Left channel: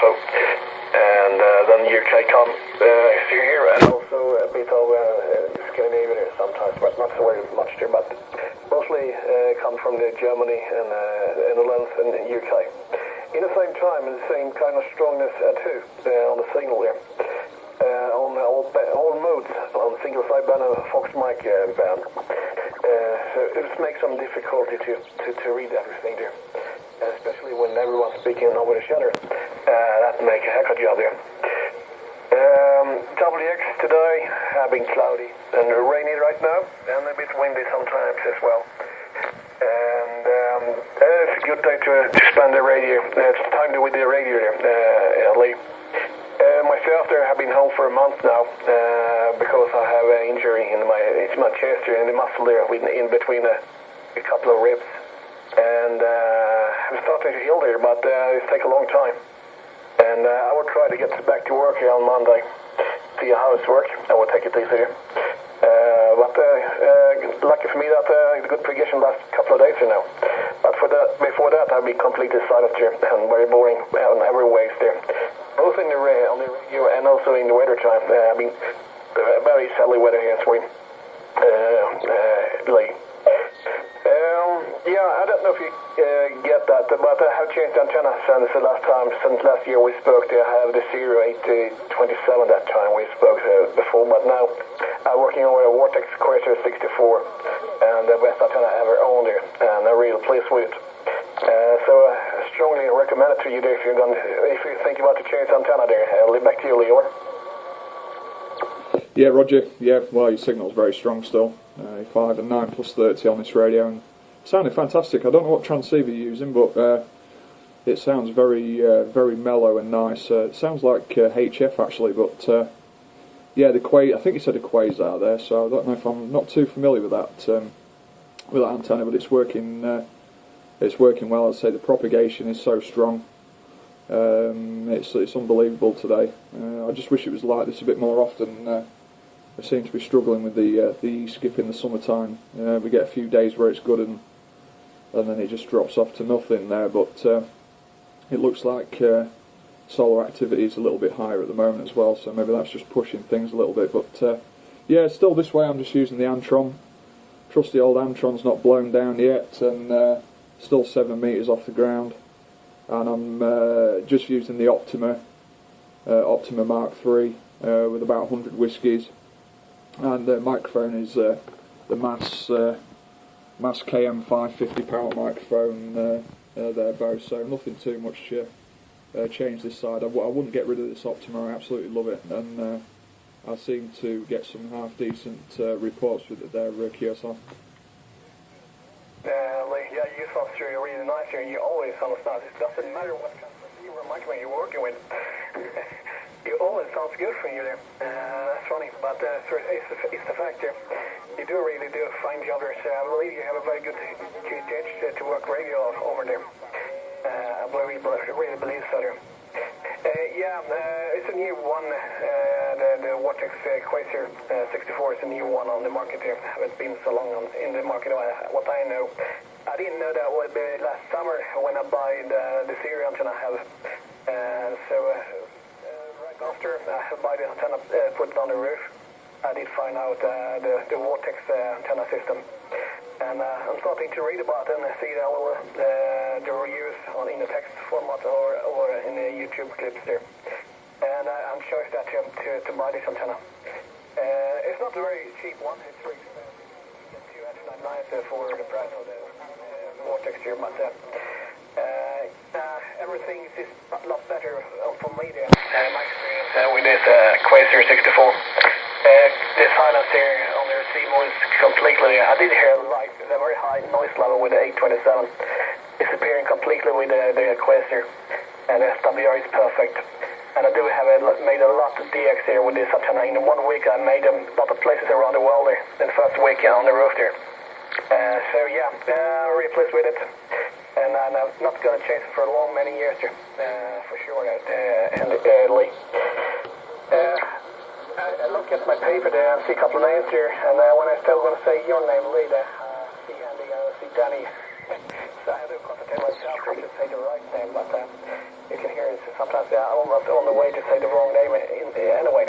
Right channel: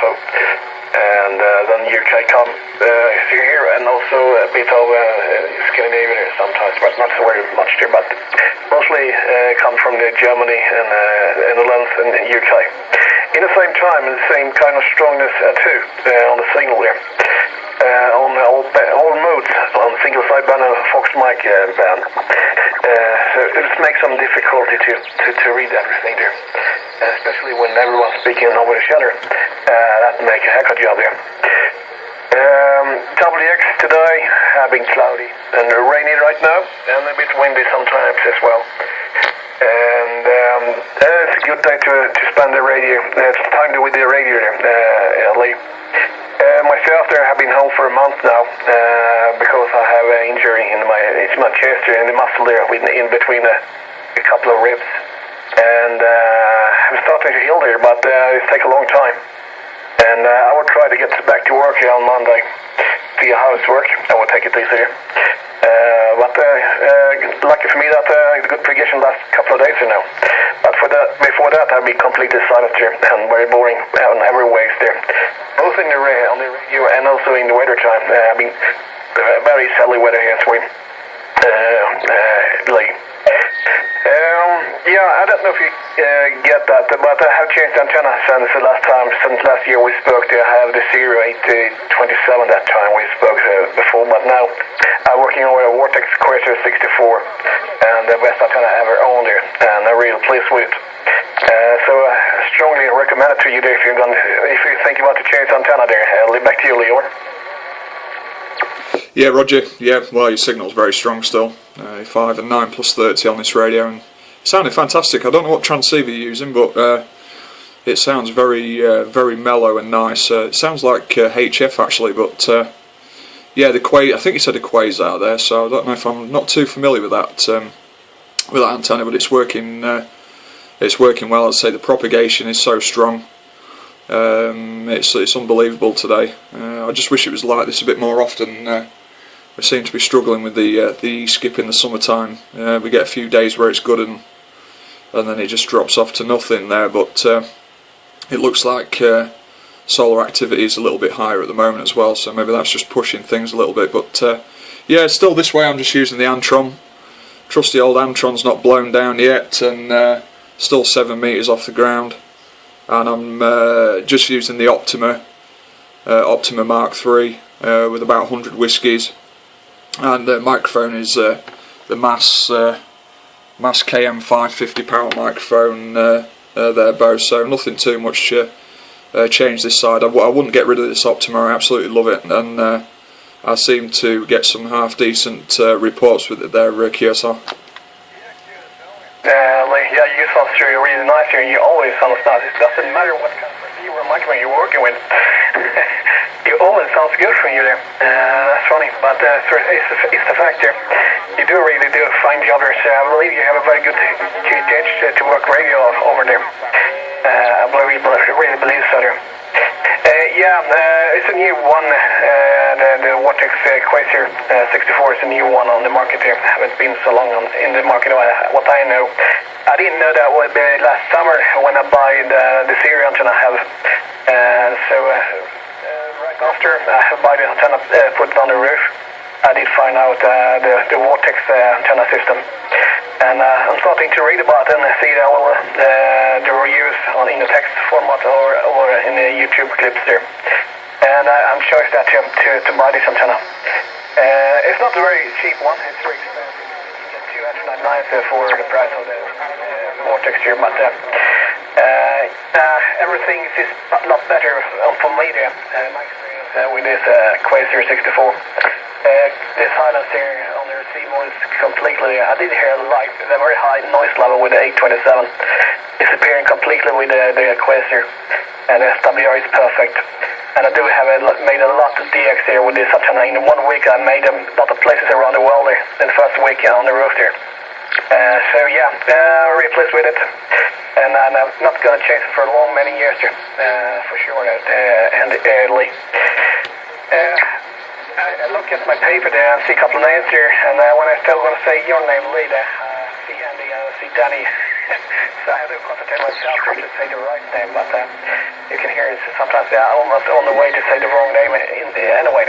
so. And then UK come here, and also a bit of Scandinavia there sometimes, but not so very much there, but mostly come from Germany and Netherlands and UK. In the same time, the same kind of strongness too on the signal there. On all modes, on single side band and Fox mic band. So it makes some difficulty to read everything there. Especially when everyone's speaking over each other. That makes a heck of a job there. WX today have been cloudy and rainy right now, and a bit windy sometimes as well. And it's a good day to spend the radio. It's time with the radio there, Lee. Myself there have been home for a month now because I have an injury in my chest here, in the muscle there, in between a couple of ribs. And I'm starting to heal there, but it takes a long time. And I will try to get back to work here on Monday, see how it's works. I will take it easier. But lucky for me that it's good progression last couple of days here now. But before that I'll be completely silent here and very boring on every ways there. Both on the radio and also in the weather time. I mean, very sadly weather here in Sweden. Yeah, I don't know if you get that, but I have changed the antenna since last year we spoke. I have the 0827 that time we spoke before, but now I'm working on a Vortex Quasar 64 and the best antenna ever owned there, and I'm really pleased with it. So I strongly recommend it to you there if you think about to change the antenna there. Back to you, Leo. Yeah, Roger. Yeah, well, your signal's very strong still. 5 and 9 plus 30 on this radio, and it sounded fantastic. I don't know what transceiver you're using, but it sounds very very mellow and nice. It sounds like HF actually, but yeah, I think you said a Quasar there, so I don't know if I'm not too familiar with that antenna, but it's working well. I'd say the propagation is so strong. It's unbelievable today. I just wish it was like this a bit more often. We seem to be struggling with the skip in the summertime. We get a few days where it's good and then it just drops off to nothing there, but it looks like solar activity is a little bit higher at the moment as well, so maybe that's just pushing things a little bit. But yeah, still this way I'm just using the Antron. Trusty old Antron's not blown down yet, and still 7 meters off the ground. And I'm just using the Optima Mark III with about 100 whiskies, and the microphone is the Mass KM550 power microphone there, both. So nothing too much changed this side. I wouldn't get rid of this Optima. I absolutely love it, and I seem to get some half decent reports with it there, QSR. Yeah, you sound really nice here. You always sound nice. It doesn't matter what kind of receiver or microphone you're working with. You always sounds good for you there. That's funny, but it's the fact here. You do really do a fine job there. So I believe you have a very good QTH to work radio over there. I really believe so there. Yeah, it's a new one. The Vortex Quasar 64 is a new one on the market here. Haven't been so long in the market, what I know. I didn't know that would be last summer when I buy the Siri antenna I have. So right after I buy the antenna, put it on the roof, I did find out the Vortex antenna system. And I'm starting to read about it and see the reviews in the text format or in the YouTube clips there. And I'm choosing that to buy this antenna. It's not a very cheap one, it's very expensive. You get $299 for the price of the Vortex here, but everything is a lot better for me there. My experience with this Quasar 64. The silence here on the receiver is completely, I did hear a very high noise level with the 827. Disappearing completely with the Quasar. And the SWR is perfect. And I do have made a lot of DX here with this antenna. In 1 week I made a lot of places around the world there. In the first week on the roof there. So yeah, really pleased with it. And I'm not going to change it for many years here. For sure. And early. I look at my paper there and see a couple of names here, and when I still going to say your name, Lee, see Andy, see Danny, So I have to concentrate myself to say the right name, but you can hear it sometimes. Yeah, I'm almost on the way to say the wrong name anyway.